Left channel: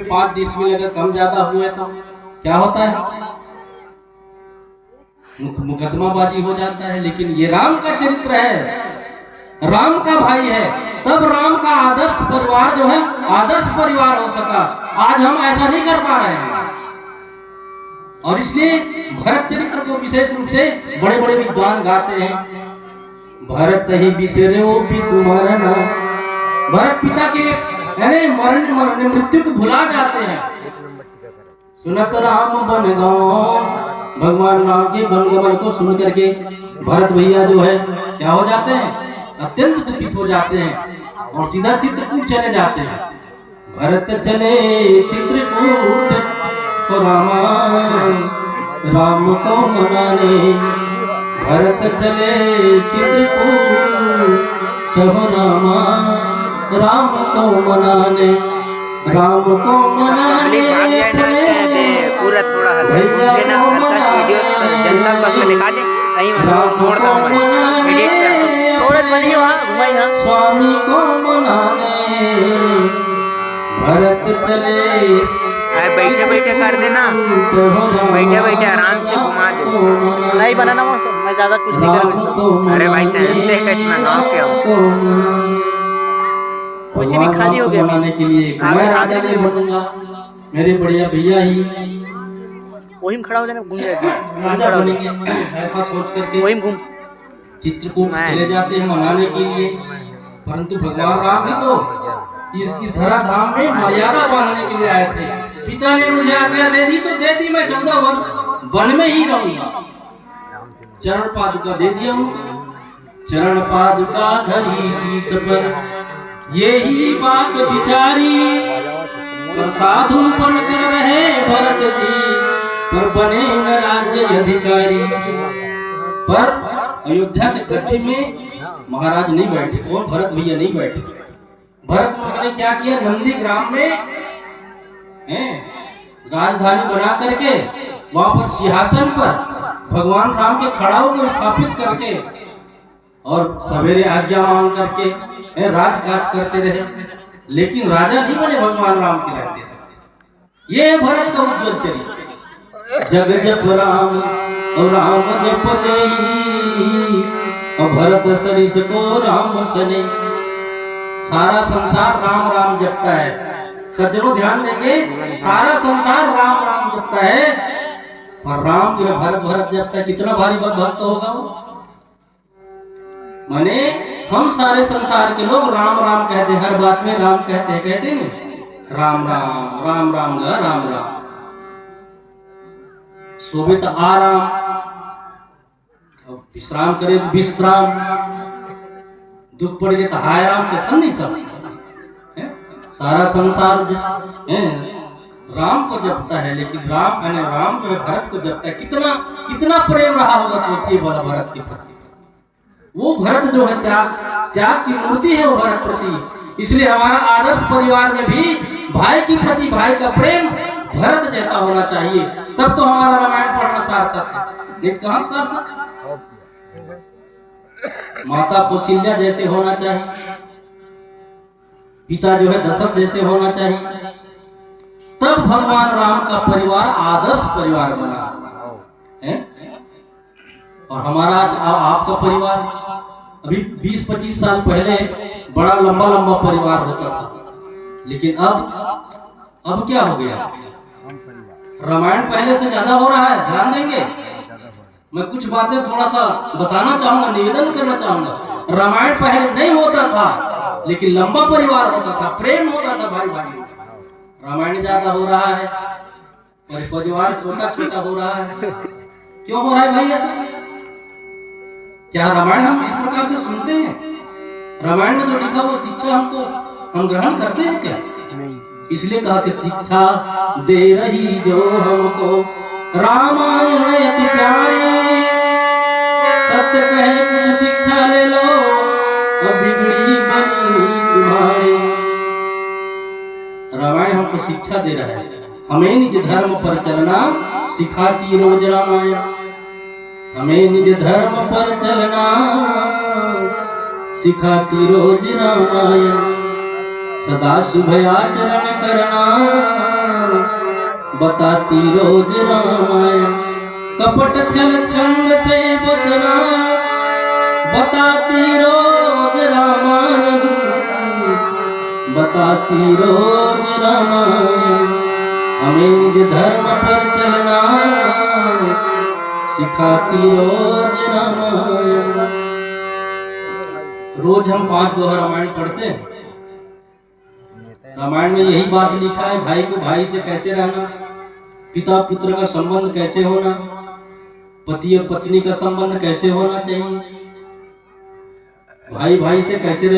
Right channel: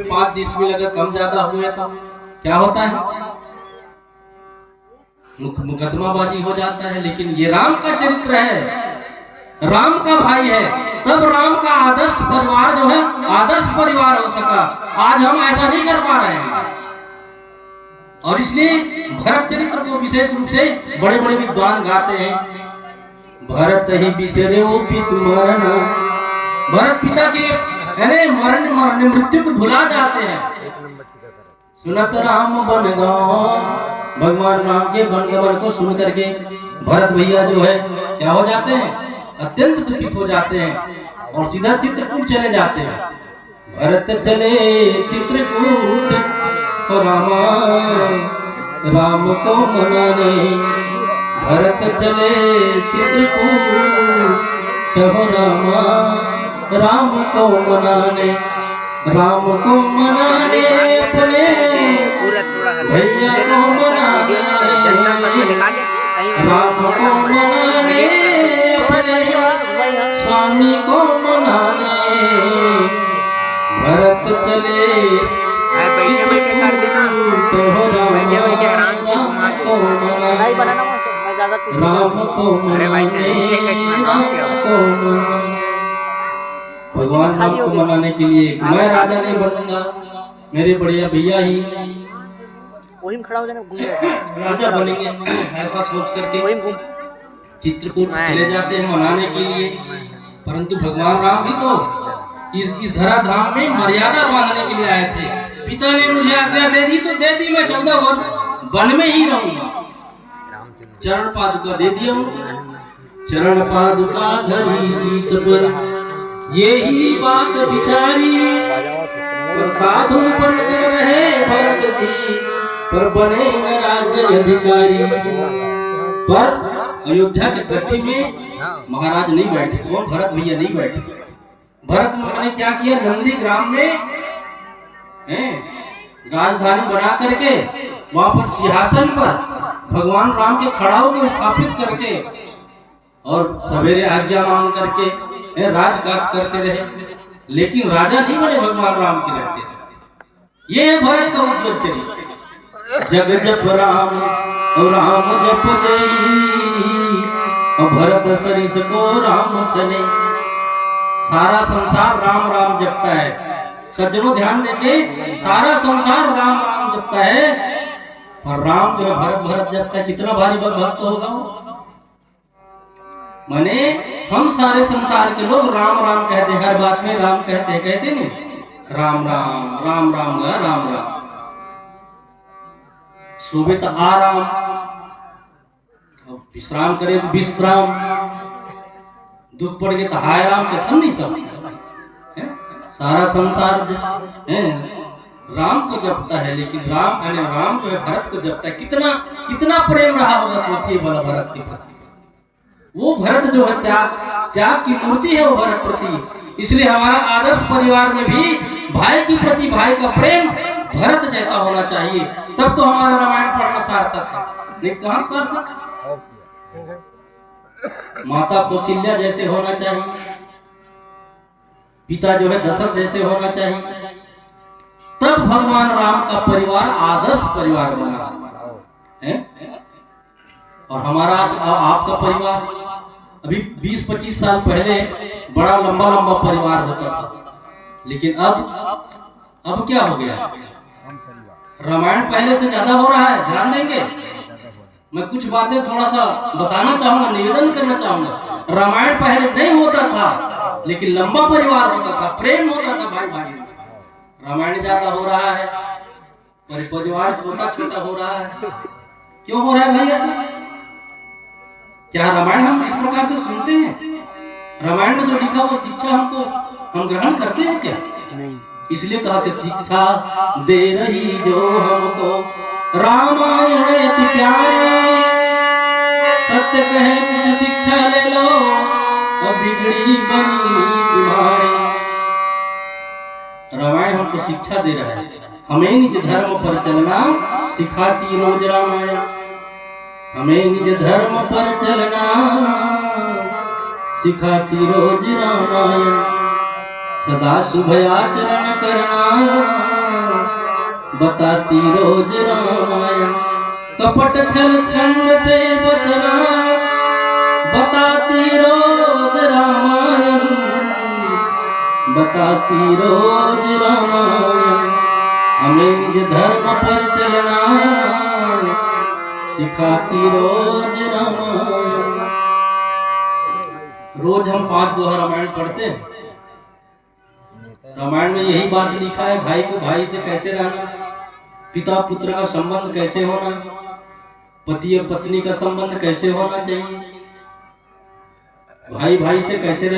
में 5 डिसमिल अगर कम ज्यादा हुआ तो क्या होता है, मुकदमाबाजी हो जाता है। लेकिन ये राम का चरित्र है, राम का भाई है, तब राम का आदर्श परिवार जो है आदर्श परिवार हो सका। आज हम ऐसा नहीं कर पा रहे हैं, और इसलिए भरत चरित्र को विशेष रूप से बड़े बड़े विद्वान गाते हैं। भरत ही बिसरे ओ पितु मरण, भरत पिता के मरण मृत्यु को भुला जाते हैं। सुनत राम बन गाँव, भगवान राम के बनगमन को सुन करके भरत भैया जो है क्या हो जाते हैं, अत्यंत दुखित हो जाते हैं और सीधा चित्रकूट चले जाते हैं। भरत चले चित्रकूट तो राम को मनाने, भरत चले चित्रकूट तो राम को मनाने, राम को मनाने अपने भैया को मनाने, राम को मनाने अपने स्वामी को मनाने। भरत चले बैठे बैठे कर देना, बैठे बैठे आराम से घुमा दो, नहीं बनाना मैं ज्यादा कुछ नहीं करूँगा। अरे भाई भगवान राम को मनाने के लिए मैं राजा नहीं बनूंगा, मेरे बढ़िया भैया ही वही में खड़ा हो जाना, राजा बनेंगे, ऐसा सोच करके वही घूम चित्रकूट चले जाते हैं मनाने के लिए। परंतु भगवान राम भी तो इस धराधाम में मर्यादा बांधने के लिए आए थे। पिता ने मुझे आज्ञा दे दी तो दे दी, मैं 14 वर्ष वन में ही रहूंगा। चरण पादुका दे दिया, चरण पादुका धरी शीश पर, यही बात विचारी, और साधु बनकर रहे भरत जी, पर बने न राज्य अधिकारी। पर अयोध्या के गद्दी में महाराज नहीं बैठे, और भरत भैया नहीं बैठे। भरत ने क्या किया, नंदी ग्राम में राजधानी बना करके वहां पर सिंहासन पर भगवान राम के खड़ाओं को स्थापित करके और सवेरे आज्ञा मांग करके राजकाज करते रहे। लेकिन राजा नहीं बने, भगवान राम के रहते रहे। ये है भरत का उज्जवल चरित्र। जग जप राम और राम जप जई, और भरत सरिस को राम सने। सारा संसार राम राम जपता है। सज्जनों ध्यान देंगे, सारा संसार राम राम जपता है, और राम जो है भरत भरत जपता है। कितना भारी भक्त होगा वो। माने हम सारे संसार के लोग राम राम कहते हैं, हर बात में राम कहते नहीं, राम राम राम राम राम राम। सोवे तो आराम, विश्राम करे तो विश्राम, दुख पड़ गए तो हाय राम कहते नहीं सब। सारा संसार राम को जपता है, लेकिन राम जो है भरत को जपता है। कितना कितना प्रेम रहा होगा, सोचिए भला भरत के प्रति। वो भरत जो है त्याग की मूर्ति है वो भरत प्रति। इसलिए हमारा आदर्श परिवार में भी भाई के प्रति भाई का प्रेम भरत जैसा होना चाहिए, तब तो हमारा रामायण पढ़ना सार्थक है। नहीं कहाँ सार्थक है। माता कौशल्या जैसे होना चाहिए, पिता जो है दशरथ जैसे होना चाहिए, तब भगवान राम का परिवार आदर्श परिवार बना है। और हमारा आपका परिवार अभी 20-25 साल पहले बड़ा लंबा लंबा परिवार होता था, लेकिन अब क्या हो गया, रामायण पहले से ज्यादा हो रहा है। ध्यान देंगे, मैं कुछ बातें थोड़ा सा बताना चाहूंगा, निवेदन करना चाहूंगा। रामायण पहले नहीं होता था, लेकिन लंबा परिवार होता था, प्रेम होता था भाई भाई। रामायण ज्यादा हो रहा है और परिवार छोटा छोटा हो रहा है। क्यों हो रहा है भाई ऐसा? क्या रामायण हम इस प्रकार से सुनते हैं? रामायण में जो लिखा वो शिक्षा हम ग्रहण करते हैं क्या? नहीं। इसलिए कहा कि शिक्षा दे रही जो हमको रामायण अति प्यारे, सत्य कहे कुछ शिक्षा ले लो, अब बिगड़ी बनी तुम्हारी। रामायण हमको शिक्षा दे रहा है, हमें निज धर्म पर चलना सिखाती रोज रामायण। हमें निज धर्म पर चलना सिखाती रोज रामायण। सदा शुभ आचरण करना बताती रोज रामायण। कपट छल छंद से बचना बताती रोज रामायण, बताती रोज रामायण। हमें निज धर्म पर चलना सिखाती रोज रामायण। रोज हम 5 दोहा रामायण पढ़ते हैं। रामायण में यही बात लिखा है, भाई को भाई से कैसे रहना, पिता पुत्र का संबंध कैसे होना, पति और पत्नी का संबंध कैसे होना चाहिए, भाई भाई से कैसे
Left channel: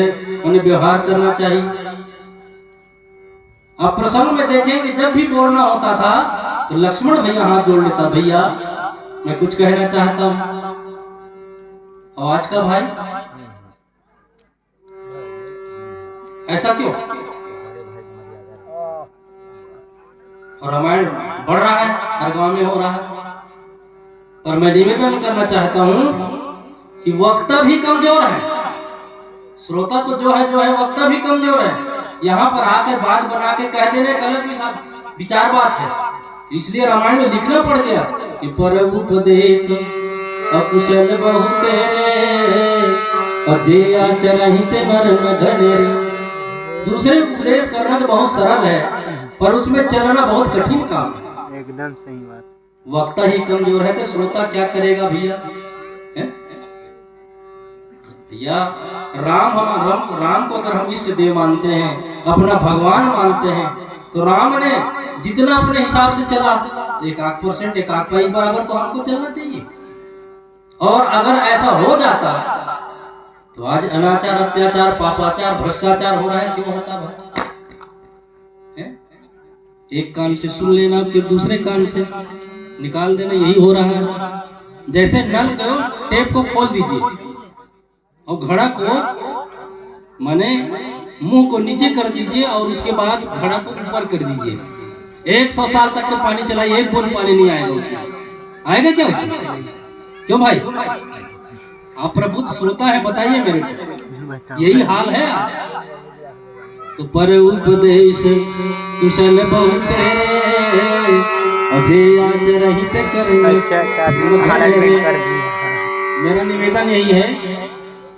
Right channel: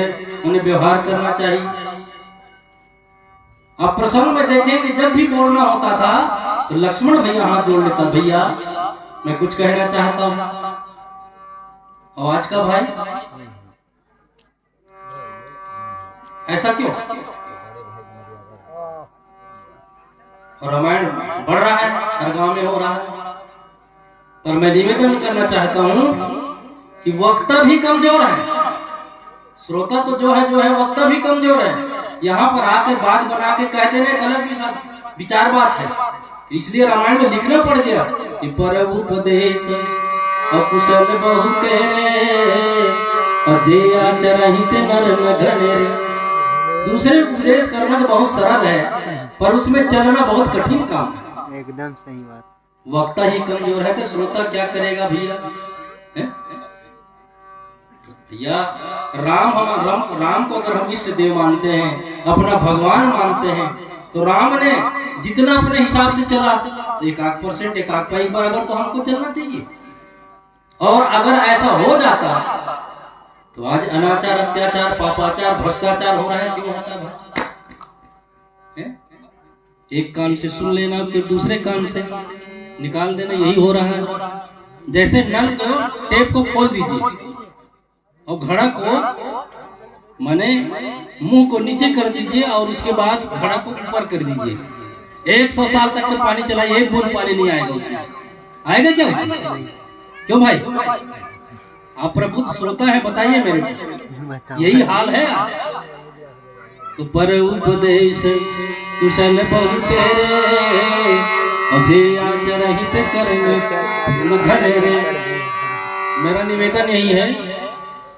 उन्हें व्यवहार करना चाहिए। आप प्रसंग में देखेंगे जब भी बोलना होता था तो लक्ष्मण भैया हाथ जोड़ लेता, भैया मैं कुछ कहना चाहता हूं। आवाज का भाई ऐसा क्यों? रामायण बढ़ रहा है, हर गांव में हो रहा है। और मैं निवेदन करना चाहता हूं कि वक्ता भी कमजोर है, श्रोता तो जो है वक्ता भी कमजोर है। यहाँ पर आके बात बना के कह देने गलत भी सब विचार बात है। इसलिए रामायण में लिखना पड़ गया कि परम उपदेश अकुशल बहु तेरे और जे आचरहित नर न घनेरे। दूसरे उपदेश करना तो बहुत सरल है, पर उसमें चलना बहुत कठिन काम है। एकदम सही बात। वक्ता ही कमजोर है तो श्रोता क्या करेगा भैया? भैया राम को अगर हम इष्ट देव मानते हैं, अपना भगवान मानते हैं, तो राम ने जितना अपने हिसाब से चला तो 1% 1 बराबर तो हमको चलना चाहिए। और अगर ऐसा हो जाता तो आज अनाचार, अत्याचार, पापाचार, भ्रष्टाचार हो रहा है, क्यों होता है? एक कान से सुन लेना फिर दूसरे कान से निकाल देना, यही हो रहा है। जैसे नल को टेप को खोल दीजिए और घड़ा को माने मुंह को नीचे कर दीजिए और उसके बाद घड़ा को ऊपर कर दीजिए। 100 साल तक के पानी चलाइए, एक बूंद पानी नहीं आएगा उसमें। आएगा क्या उसमें? क्यों भाई? आप प्रबुद्ध श्रोता है, बताइए मेरे को, यही हाल है आज। तो पर उपदेश कुशल बहु तेरे अजे आचरहित करने। मेरा निवेदन यही है,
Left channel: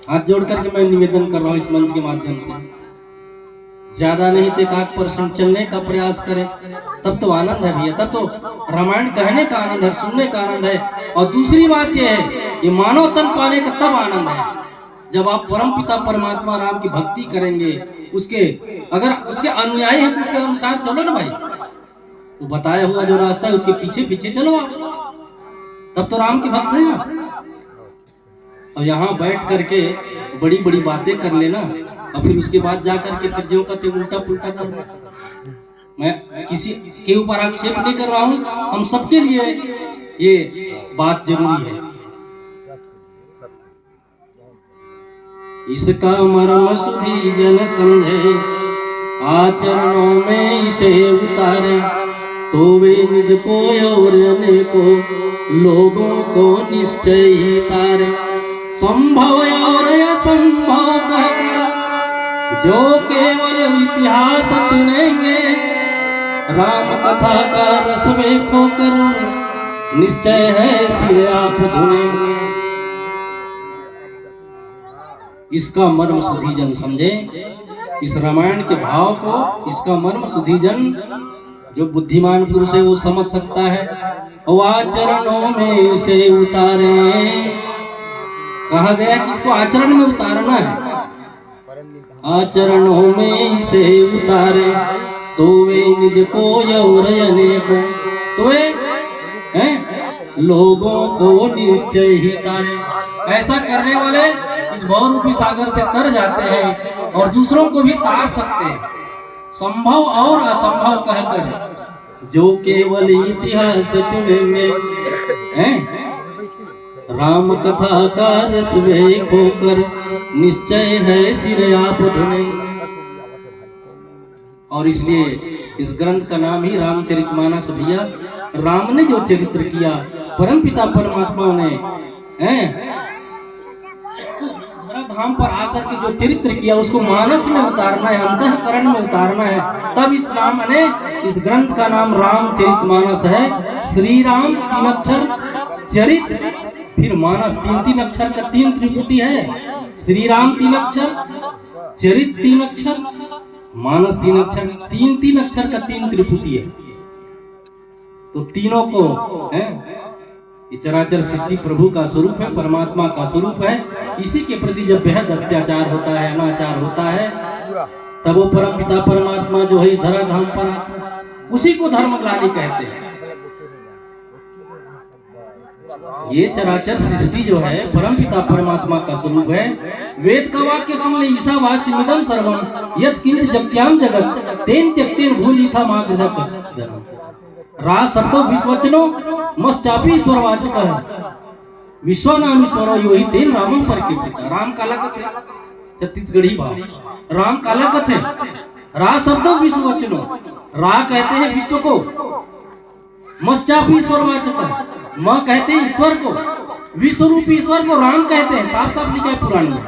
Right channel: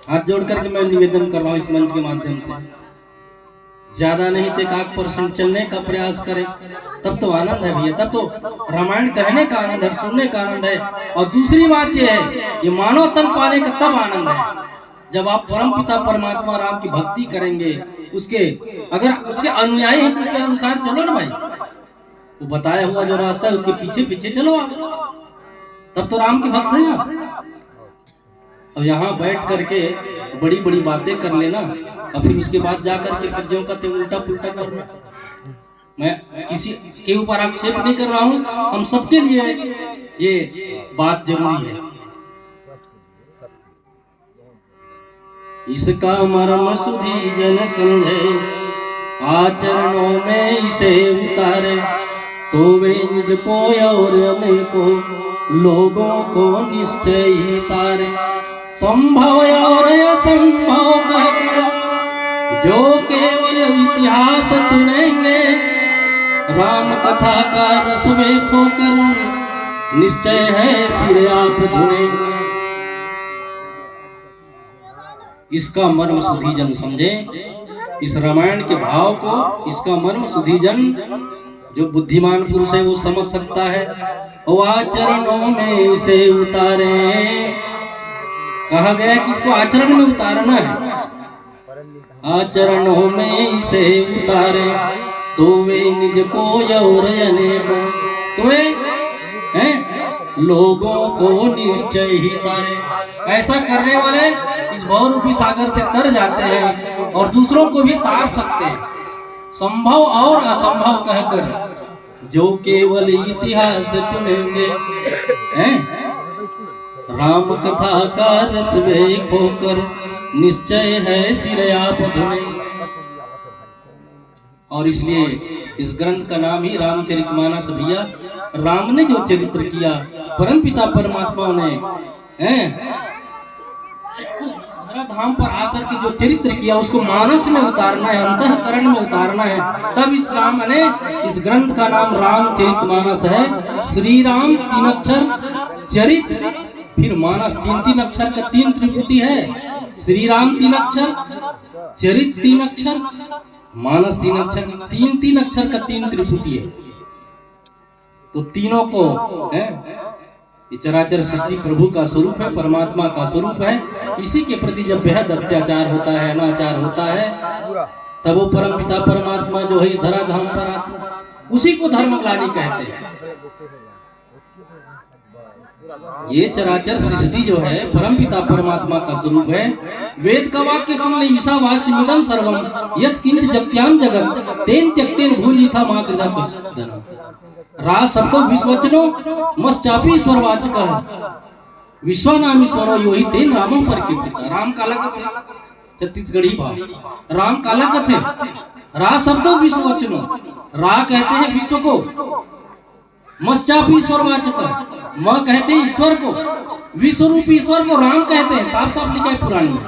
हाथ जोड़ करके मैं निवेदन कर रहा हूँ इस मंच के माध्यम से, ज्यादा नहीं तो 1% चलने का प्रयास करें, तब तो आनंद है भैया। तब तो रामायण कहने का आनंद है, सुनने का आनंद है। और दूसरी बात यह है, ये मानव तन पाने का तब आनंद है जब आप परम पिता परमात्मा राम की भक्ति करेंगे, उसके अगर उसके अनुयायी हैं तो उसके अनुसार चलो ना भाई, तो बताया हुआ जो रास्ता है उसके पीछे पीछे चलो आप, तब तो राम की भक्त है आप। और यहाँ बैठ करके बड़ी बड़ी बातें कर लेना और फिर उसके बाद जा करके फिर जो कहते उल्टा पुल्टा करना। मैं किसी के ऊपर आक्षेप नहीं कर रहा हूँ, हम सबके लिए ये बात जरूरी है। इसका मर्म सुधी जन समझे, आचरणों में इसे उतारे, तो वे निज को और अनेको लोगों को निश्चय ही तारे। संभव और असंभव कहकर जो केवल इतिहास चुनेंगे, राम कथा का रस में खोकर निश्चय है सिर आप धुनेंगे। इसका मर्म सुधीजन समझे, इस रामायण के भाव को, इसका मर्म सुधीजन जो बुद्धिमान पुरुष है वो समझ सकता है। और आचरणों में इसे उतारे, कहा गया कि इसको आचरण में उतारना है। आचरणों में इसे उतारे, तो वे निज को और अनेकों, तो वे लोगों को निश्चय ही तारे। ऐसा करने वाले इस बहुरूपी सागर से तर जाते हैं और दूसरों को भी तार सकते हैं। संभव और असंभव कहकर जो केवल इतिहास चुनेंगे, राम कथा का रस में खोकर निश्चय है सिर आप धुनेंगे। और इसलिए इस ग्रंथ का नाम ही रामचरितमानस भैया। राम ने जो चरित्र किया, परम पिता परमात्मा ने धाम पर आकर के जो चरित्र किया उसको मानस में उतारना है, अंतःकरण में उतारना है। तब इस राम ने इस ग्रंथ का नाम रामचरितमानस है। श्री राम 3 अक्षर, चरित्र फिर मानस, 3 अक्षर का 3 त्रिपुटी है। श्री राम 3 अक्षर, चरित्र 3 अक्षर, मानस 3 अक्षर, 3 अक्षर का 3 त्रिपुटी है। तो तीनों को है, ये चराचर सृष्टि प्रभु का स्वरूप है, परमात्मा का स्वरूप है। इसी के प्रति जब बेहद अत्याचार होता है, अनाचार होता है, तब वो परम पिता परमात्मा जो है इस धराधाम पर आता है, उसी को धर्मग्लानि कहते हैं। ये चराचर सृष्टि जो है परम पिता परमात्मा का स्वरूप है। वेद का वाक्य सुन ले, ईशावास्यमिदं सर्वम यत् किंच जगत्याम जगत तेन त्यक्तेन भूजिथा मा कृता कश्चित्। रा शब्दों विश्वचनो मश्चापि ईश्वरवाचक है, विश्वनामीश्वरो यो हि तेन रामं प्रकीर्तिता। राम काला कथे, छत्तीसगढ़ी भाव, राम काला कथे। रा शब्दों विश्ववचनो, रा कहते हैं विश्व को, मश्चापि ईश्वरवाचक है, म कहते हैं ईश्वर को, विश्वरूपी ईश्वर को राम कहते हैं। साफ साफ लिखा है पुराण में।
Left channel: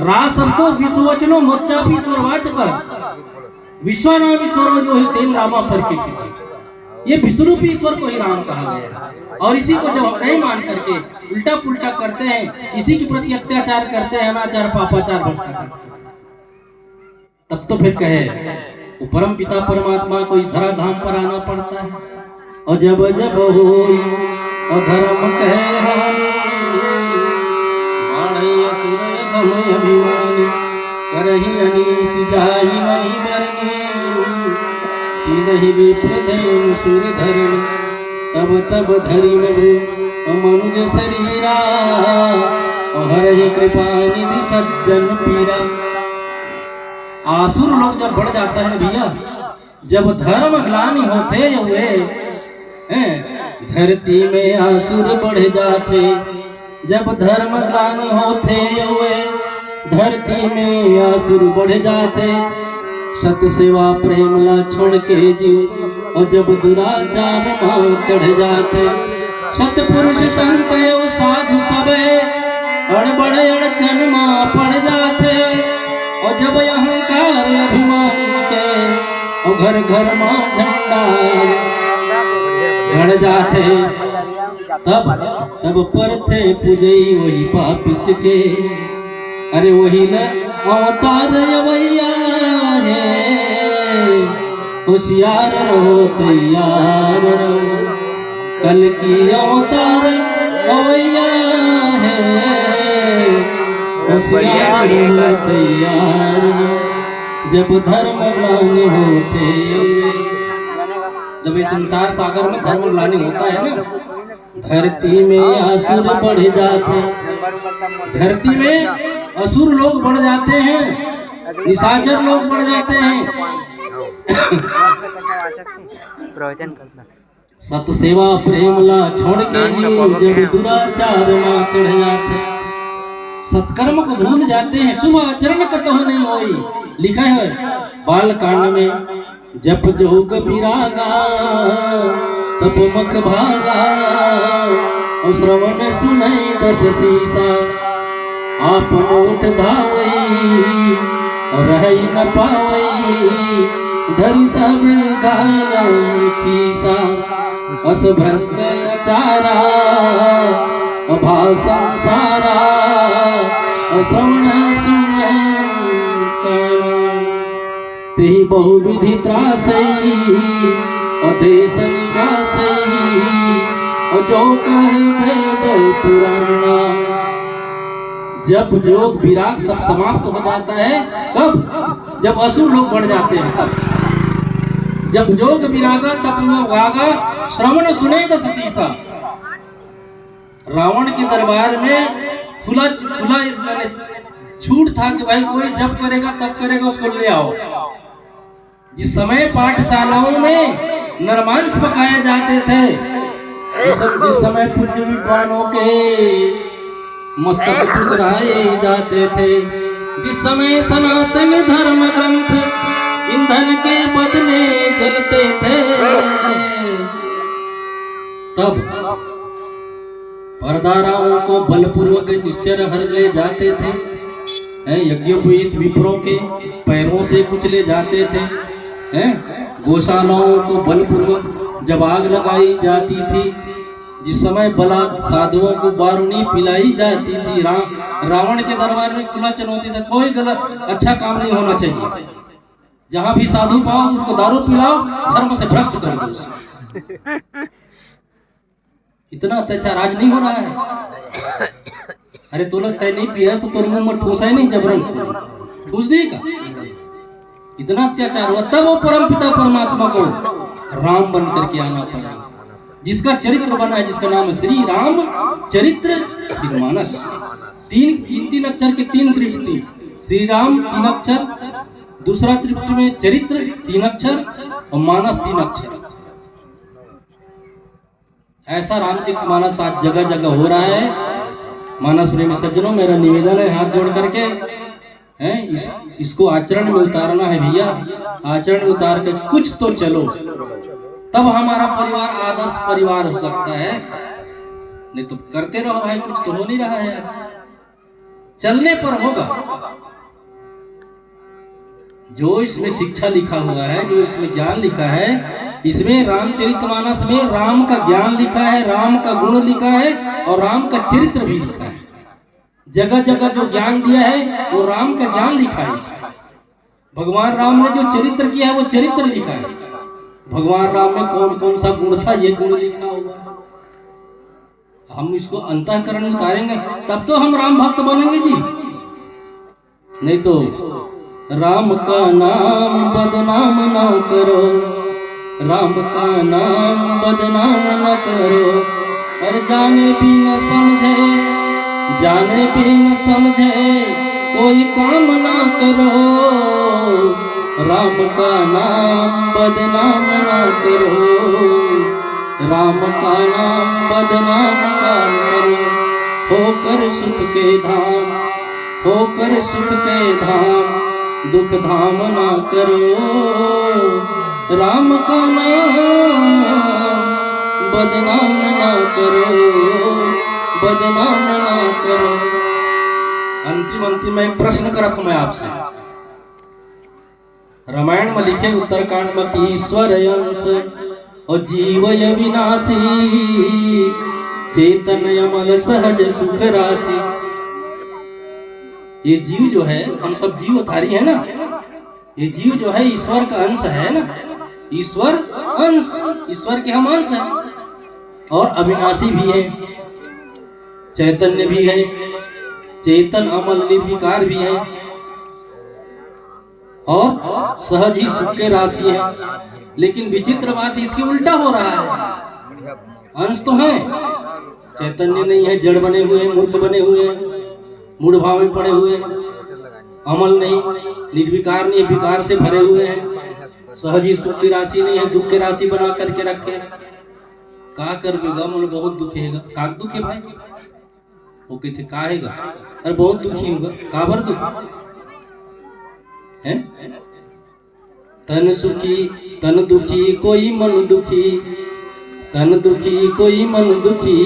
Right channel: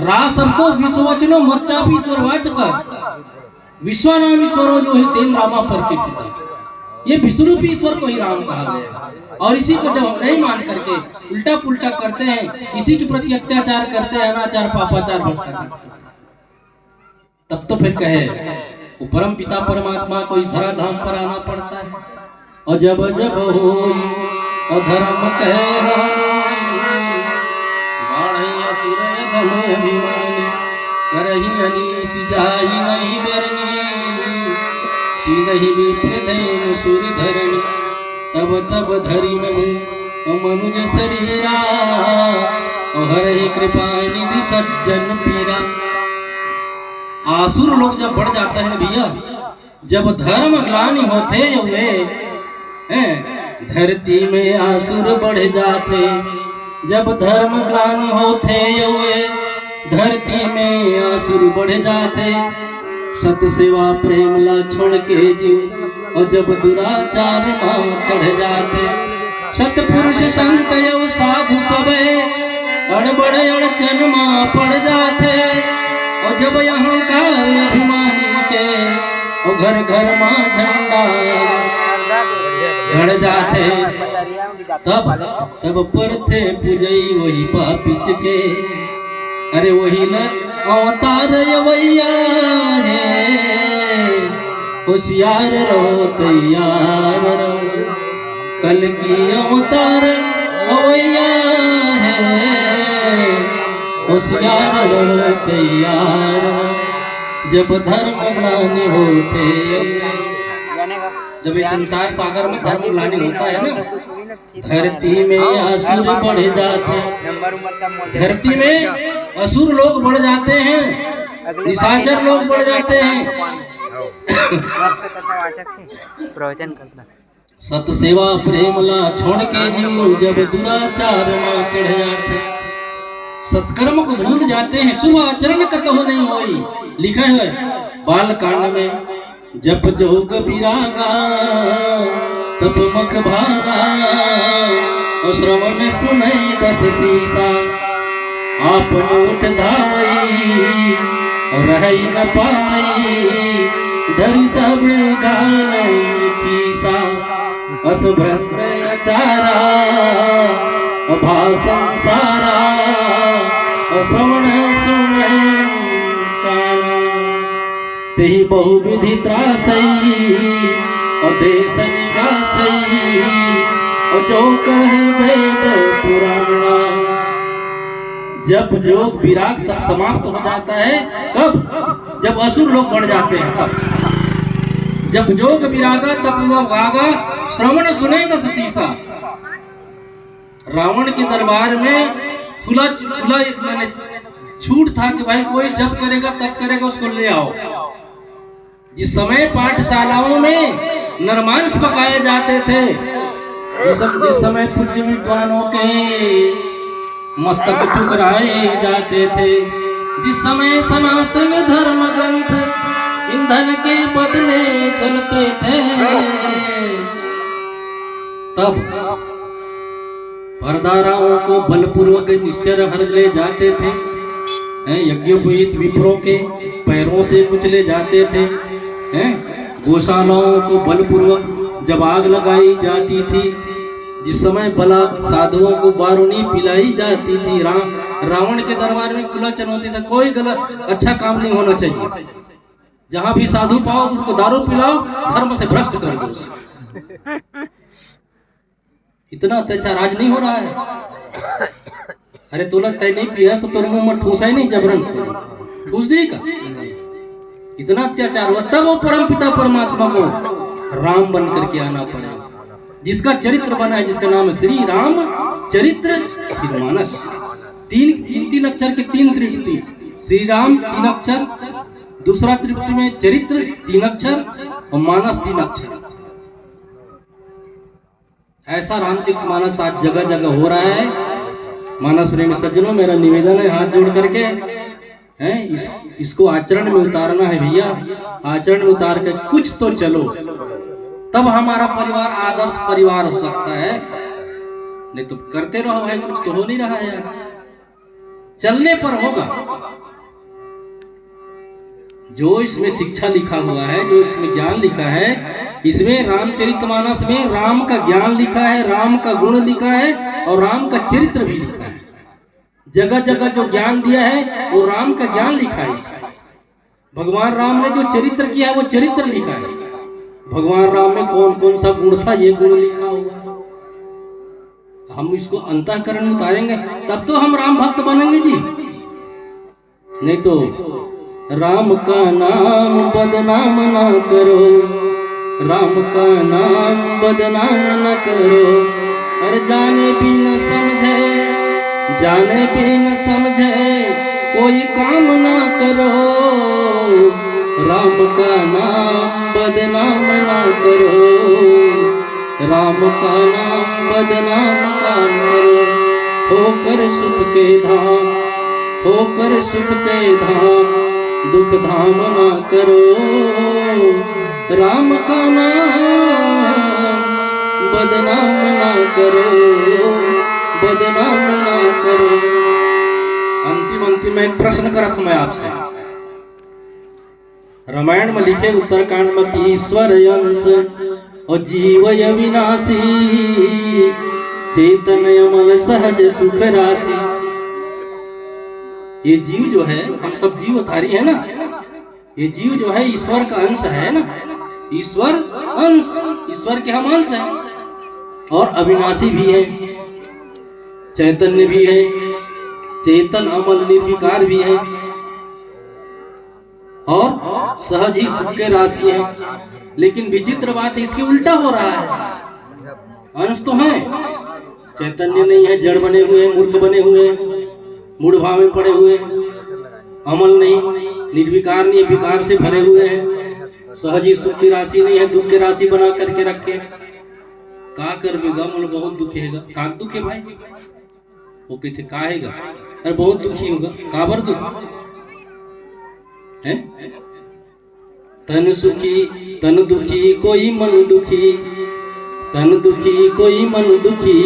रा शब्दों विश्ववचनो मश्चापि ईश्वरवाचक विश्वनामीश्वरो यो हि तेन रामा प्रकीर्तिता। ये विश्वरूपी ईश्वर को ही राम कहा गया है। और इसी को जब हम नहीं मान करके उल्टा पुल्टा करते हैं, इसी के प्रति अत्याचार करते हैं, अनाचार पापाचार भ्रष्टाचार, तब तो फिर कहे वो परम पिता परमात्मा को इस धराधाम पर आना पड़ता है। और जब जब हो अधर्म कहे करही अनीति जाहि नहीं बरनी, सीधहि विप्रदेव सुर धरणी, तब तब धरि नभु मनुज शरीरा, हरहि कृपा निधि सज्जन पीरा। आसुर लोग जब बढ़ जाता है भैया, जब धर्म ग्लानि होते हुए धरती में आसुर बढ़ जाते, जब धर्म ग्लानि होते हुए धरती में आसुर बढ़ जाते, सत सेवा प्रेम ला छोड़ के जीव और जब दुराचार में चढ़ जाते, सतपुरुष संत एवं साधु सबे अड़बड़ अड़चन में पड़ जाते। और जब अहंकार अभिमानी के और घर घर में झंडा गड़ जाते, तब पर थे पूजई वही पापिच के। अरे वही न अवतार अवैया है, होशियार रहो तैयार रहो, कल की अवतार अवैया है, होशियार रहो तैयार रहो। जब धर्म ग्लानि होते, जब इस संसार सागर में धर्म ग्लानि होता है ना, धरती में असुर बढ़ जाते, धरती में असुर लोग बढ़ जाते हैं, निशाचर लोग बढ़ जाते हैं। सत सेवा प्रेम ला छोड़ के जीव जब दुराचार में चढ़ जाते, सत्कर्म को भूल जाते हैं, शुभ आचरण कतहु नहीं होई। लिखा है बाल कांड में, जप जोग विरागा तप मख भागा, श्रवण सुनै 10 शीसा, आपन उठ धावई रहई न पावई, धरि सब गालई कीसा। अस भ्रष्टाचारा भाषण सारा, श्रवण सुनै काना, तेहि बहुविधि त्रासई अदेश निकासई, जो कह वेद पुराणा। जब जोग विराग सब समाप्त हो जाता है, कब? जब असुर लोग बढ़ जाते हैं, तब जब जोग विरागा तप वागा, श्रवण सुने 10 शीसा। रावण के दरबार में खुला मैंने छूट था कि भाई कोई जब करेगा तब करेगा, उसको ले आओ। जिस समय पाठशालाओं में नरमांस पकाए जाते थे, जिस समय पृथ्वी विद्वानों के मस्तक टुकराए जाते थे, जिस समय सनातन धर्म ग्रंथ ईंधन के बदले जलते थे, तब परदाराओं को बलपूर्वक निश्चर हर ले जाते थे। यज्ञोपवीत विप्रों के पैरों से कुचले जाते थे, हैं गौशालाओं को बलपूर्वक जब आग लगाई जाती थी, जिस समय बलात् साधुओं को बारूनी पिलाई जाती थी, रावण के दरबार में खुला चुनौती था, कोई गलत अच्छा काम नहीं होना चाहिए, जहां भी साधु पाओ उसको दारू पिलाओ, धर्म से भ्रष्ट कर दो उसको। इतना अत्याचार आज नहीं हो रहा है। अरे तो लगता है नहीं पिया तो तेरे मुंह में ठूसा ही नहीं, जबरन ठूस दी का। इतना अत्याचार हुआ, तब वो परम पिता परमात्मा को राम बन करके आना पड़ेगा, जिसका चरित्र बना है, जिसका नाम है श्री राम चरित्र मानस। तीन अक्षर के 3 त्रिपुटी, श्री राम 3 अक्षर, दूसरा त्रिपुटी में चरित्र 3 अक्षर और मानस 3 अक्षर। ऐसा रामचरित मानस आज जगह जगह हो रहा है। मानस प्रेमी सज्जनों, मेरा निवेदन है हाथ जोड़ करके, हैं इसको आचरण में उतारना है भैया। आचरण में उतार के कुछ तो चलो, तब हमारा परिवार आदर्श परिवार हो सकता है। नहीं तो करते रहो भाई, कुछ तो हो नहीं रहा है, चलने पर होगा। जो इसमें शिक्षा लिखा हुआ है, जो इसमें ज्ञान लिखा है, इसमें रामचरितमानस में राम का ज्ञान लिखा है, राम का गुण लिखा है और राम का चरित्र भी लिखा है। जगह जगह जो ज्ञान दिया है वो राम का ज्ञान लिखा है इसमें। भगवान राम ने जो चरित्र किया है वो चरित्र लिखा है। भगवान राम में कौन कौन सा गुण था ये गुण लिखा होगा। हम इसको अंतःकरण में उतारेंगे तब तो हम राम भक्त बनेंगे जी। नहीं तो राम का नाम बदनाम ना करो, राम का नाम बदनाम न करो। और जाने भी न समझे, जाने भी न समझे कोई काम ना करो। राम का नाम बदनाम ना करो, राम का नाम बदनाम ना करो। होकर सुख के धाम, होकर सुख के धाम, दुख धाम ना करो। राम का नाम बदनाम ना करो, बदनाम ना करो। अंतिम एक प्रश्न करत हूं मैं आपसे। रामायण में लिखे उत्तरकांड में कि ईश्वर अंश और जीव अविनाशी, चेतन अमल सहज सुख राशि। ये जीव जो है, हम सब जीवधारी है ना, ये जीव जो है ईश्वर का अंश है ना, ईश्वर अंश, ईश्वर के हम अंश हैं और अविनाशी भी है, चैतन्य भी है, चेतन अमल निर्विकार भी है और सहज ही सुख के राशि है। लेकिन विचित्र बात है, इसके उल्टा हो रहा है। अंश तो है, चैतन्य नहीं है, जड़ बने हुए, मूर्ख बने हुए, मूढ़ भाव में पड़े हुए, अमल नहीं, निर्विकार नहीं, विकार से भरे हुए हैं, सहज ही सुख की राशि नहीं है, दुख की राशि बना करके रखे। का कर बेगा मुझे बहुत दुखेगा। का दुख है भाई? वो कहते काहेगा, अरे बहुत दुखी होगा। काबर दुख है? तन सुखी तन दुखी कोई मन दुखी, तन दुखी कोई मन दुखी,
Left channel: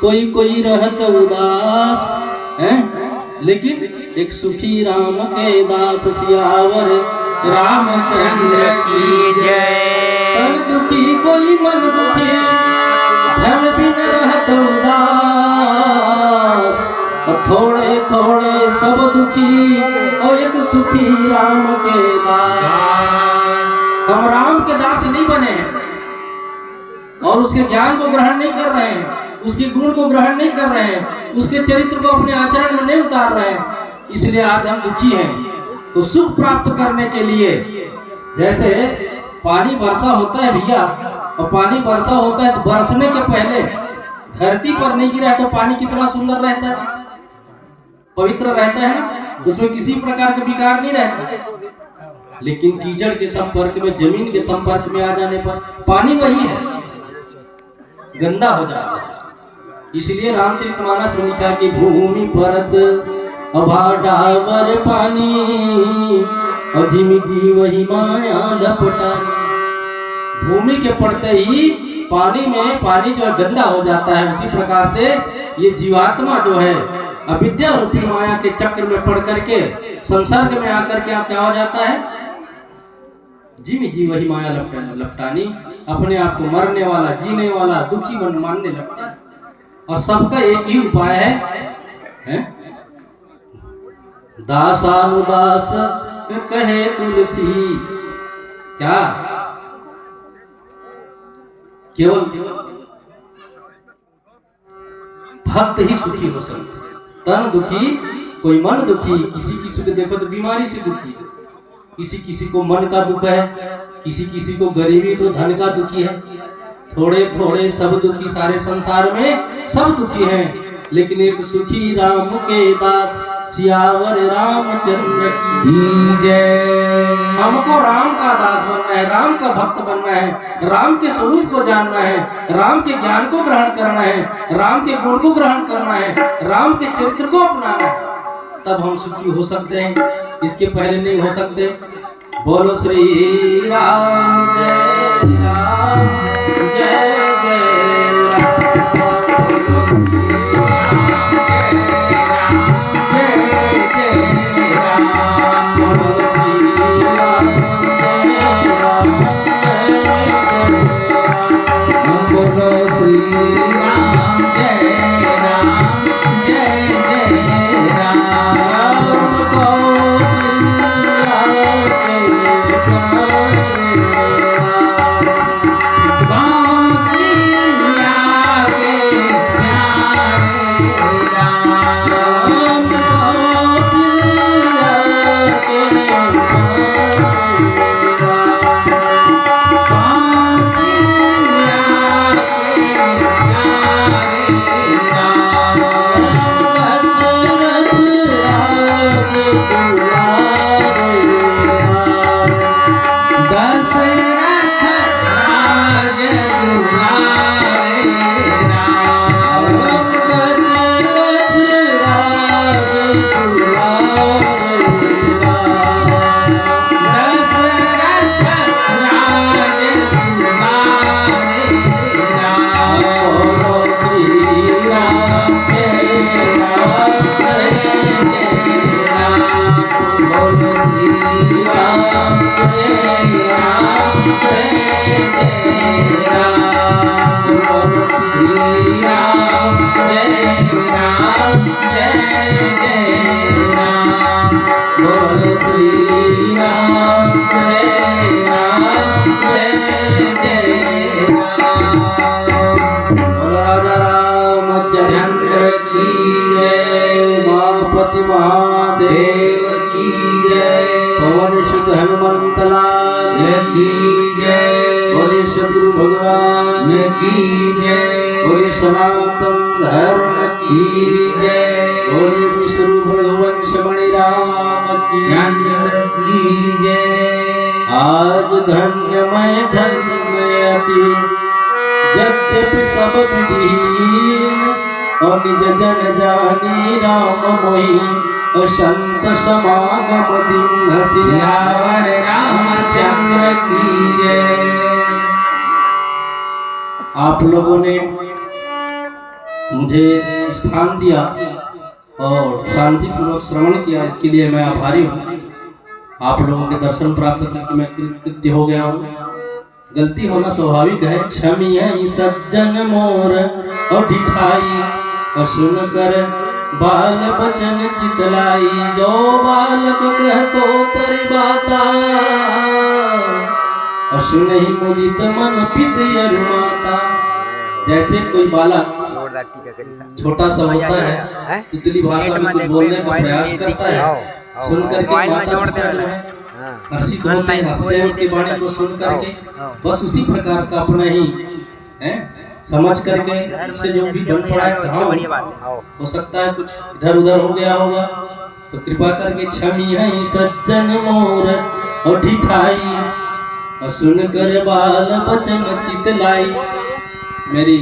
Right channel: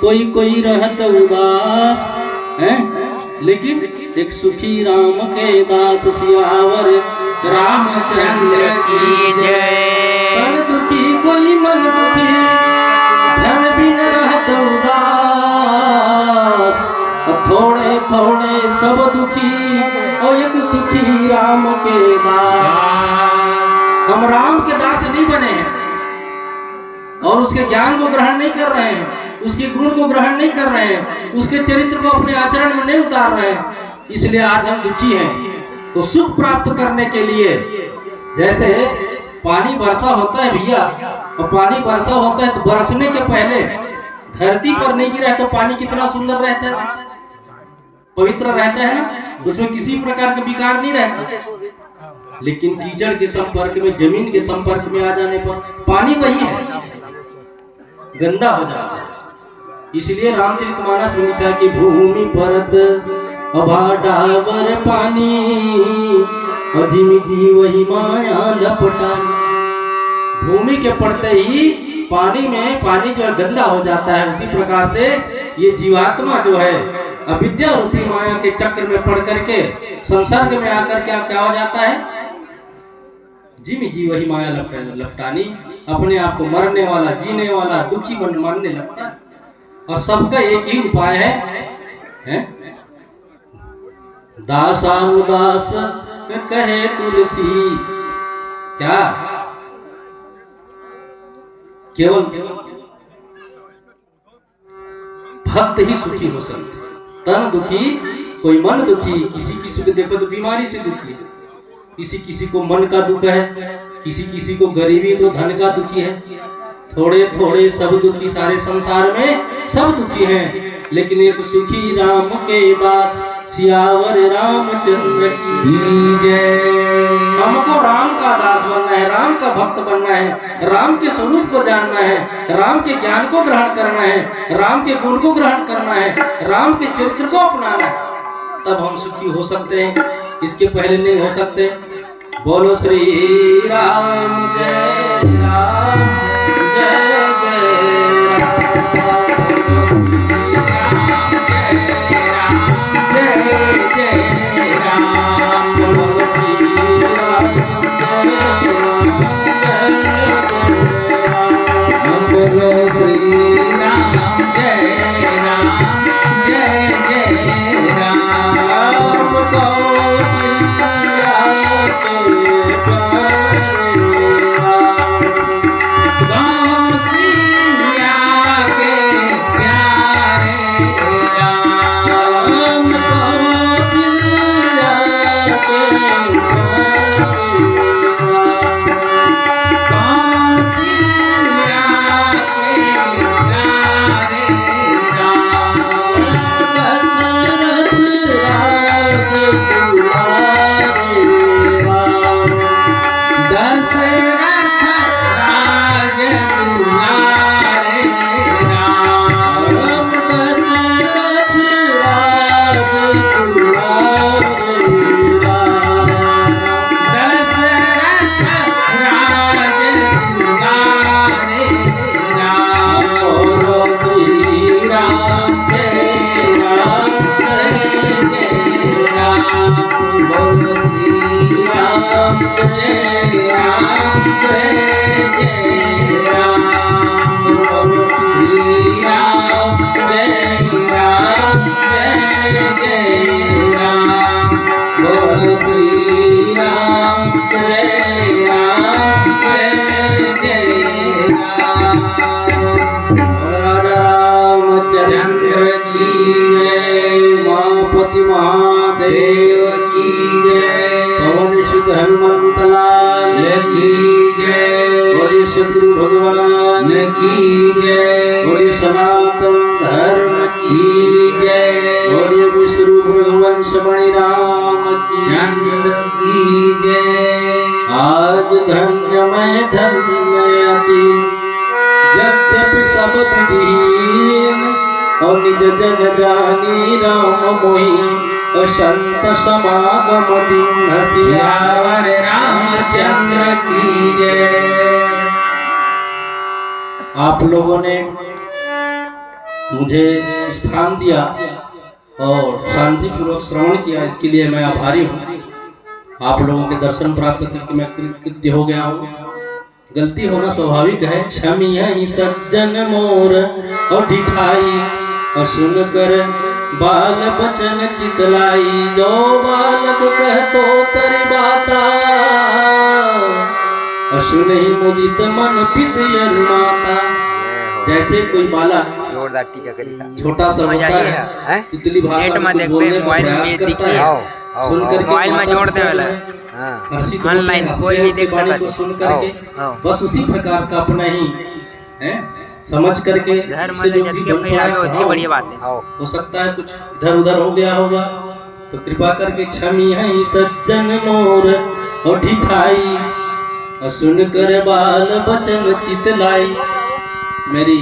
कोई कोई रहत उदास है। लेकिन एक सुखी राम के दास, सियावर रामचंद्र की जय। तन दुखी कोई मन दुखी, धन बिन रहत उदास, थोड़े थोड़े सब दुखी, और एक सुखी राम के दास। हम राम के दास नहीं बने हैं और उसके ज्ञान को ग्रहण नहीं कर रहे हैं, उसके गुण को ग्रहण नहीं कर रहे हैं, उसके चरित्र को अपने आचरण में नहीं उतार रहे हैं, इसलिए आज हम दुखी हैं। तो सुख प्राप्त करने के लिए, जैसे पानी वर्षा होता है भैया, और पानी वर्षा होता है तो बरसने के पहले धरती पर नहीं गिरा तो पानी कितना सुंदर रहता है, पवित्र रहता है ना, उसमें किसी प्रकार का विकार नहीं रहता। लेकिन कीचड़ के संपर्क में, जमीन के संपर्क में आ जाने पर पानी वही है, गंदा हो जाता है। इसलिए रामचरितमानस में लिखा कि भूमि परत अभा डावर पानी, और जिमि जीवहि माया लपटानी। भूमि के पड़ते ही पानी में, पानी जो गंदा हो जाता है, उसी प्रकार से ये जीवात्मा जो है अविद्या रूपी माया के चक्र में पड़ करके संसर्ग में आकर के आप क्या हो जाता है, जी में जी वही माया लपटानी, अपने आप को मरने वाला, जीने वाला, दुखी मानने लगता है। और सबका एक ही उपाय है? दासानुदास कहे तुलसी, क्या केवल भक्त ही सुखी हो सकते। तन दुखी कोई मन दुखी, किसी किसी को देखो तो बीमारी से दुखी है, किसी किसी को मन का दुख है, किसी किसी को गरीबी तो धन का दुखी है, थोड़े थोड़े सब दुखी, सारे संसार में सब दुखी हैं, लेकिन एक सुखी राम के दास सियावर रामचंद्र की जय। हमको राम का दास बनना है, राम का भक्त बनना है, राम के स्वरूप को जानना है, राम के ज्ञान को ग्रहण करना है, राम के गुण को ग्रहण करना है, राम के चरित्र को अपनाना है, तब हम सुखी हो सकते हैं, इसके पहले नहीं हो सकते। बोलो श्री राम जय राम जय जय राम, बोलो श्री राम जय राम बोलो श्री राम जय राम जय जय राम, कौशल्या के प्यारे राम, कौशल्या के प्यारे राम, कौशल्या के प्यारे राम, कौशल्या के प्यारे राम, दशरथ राज दुलारे राम, दशरथ राज दुलारे राम, दशरथ राज दुलारे राम, दशरथ राज दुलारे राम, बोलो श्री राम जय राम जय जय राम, बोलो श्री राम जय राम जय जय राम, बोलो श्री राम जय राम जय जय राम, बोलो श्री राम जय राम जय जय राम, बोलो राजा रामचंद्र की जय, माधुपति महादेव की जय, पवन सुत हनुमंत लाल की जय, बोले शत्रु भगवान की जय, बोले सनातन धर्म की जय, बोले विष्णु भगवंश मणि राम की चंद्र की जय। आज धन्य मैं धन्य अति, यद्यपि सब विधीन, और निज जन जानी राम मोहि, और संत समागम दिन सियावर रामचंद्र की जय। आप लोगों ने मुझे स्थान दिया और शांतिपूर्वक श्रवण किया, इसके लिए मैं आभारी हूँ। आप लोगों के दर्शन प्राप्त करके मैं कृतज्ञ हो गया हूँ। गलती होना स्वाभाविक है, क्षमिय सज्जन मोर और ढिठाई, और सुनकर बाल बचन चितलाई, जो बालक कह तो तरी बाता, और सुनहि मुदित मन पित माता। जैसे कोई बालक छोटा सा होता है, तितली भाषा में कुछ बोलने का प्रयास करता है, सुन करके हर्षित होते हैं, हंसते हैं उसकी वाणी को सुन करके। बस उसी प्रकार का अपना ही है समझ करके इससे जो भी बन पड़ा है, हो सकता है कुछ इधर उधर हो गया होगा, तो कृपा करके क्षमी है सज्जन मोर और ठिठाई, और सुन कर बाल बचन चितलाई। मेरी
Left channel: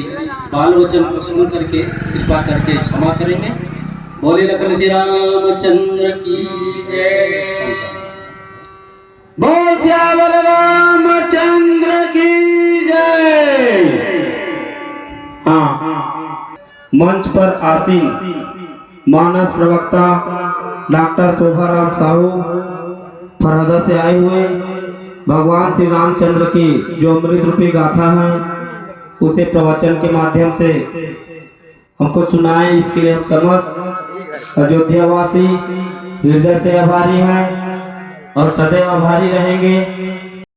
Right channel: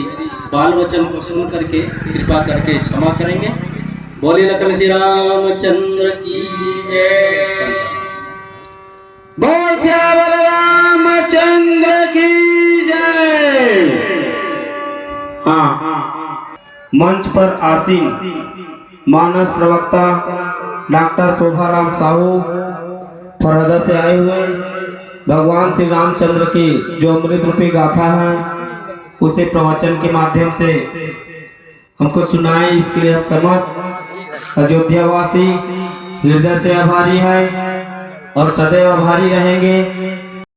बाल वचन को सुन करके कृपा करके क्षमा करेंगे। बोले लखन श्री रामचंद्र की जय, बोल श्यामल रामचंद्र की जय। हाँ, मंच पर आसीन मानस प्रवक्ता डॉक्टर शोभाराम साहू फरहदा से आए हुए भगवान श्री रामचंद्र की जो अमृत रूपी गाथा है उसे प्रवचन के माध्यम से हमको सुनाए। इसके लिए हम समस्त अयोध्यावासी हृदय से आभारी हैं और सदैव आभारी रहेंगे।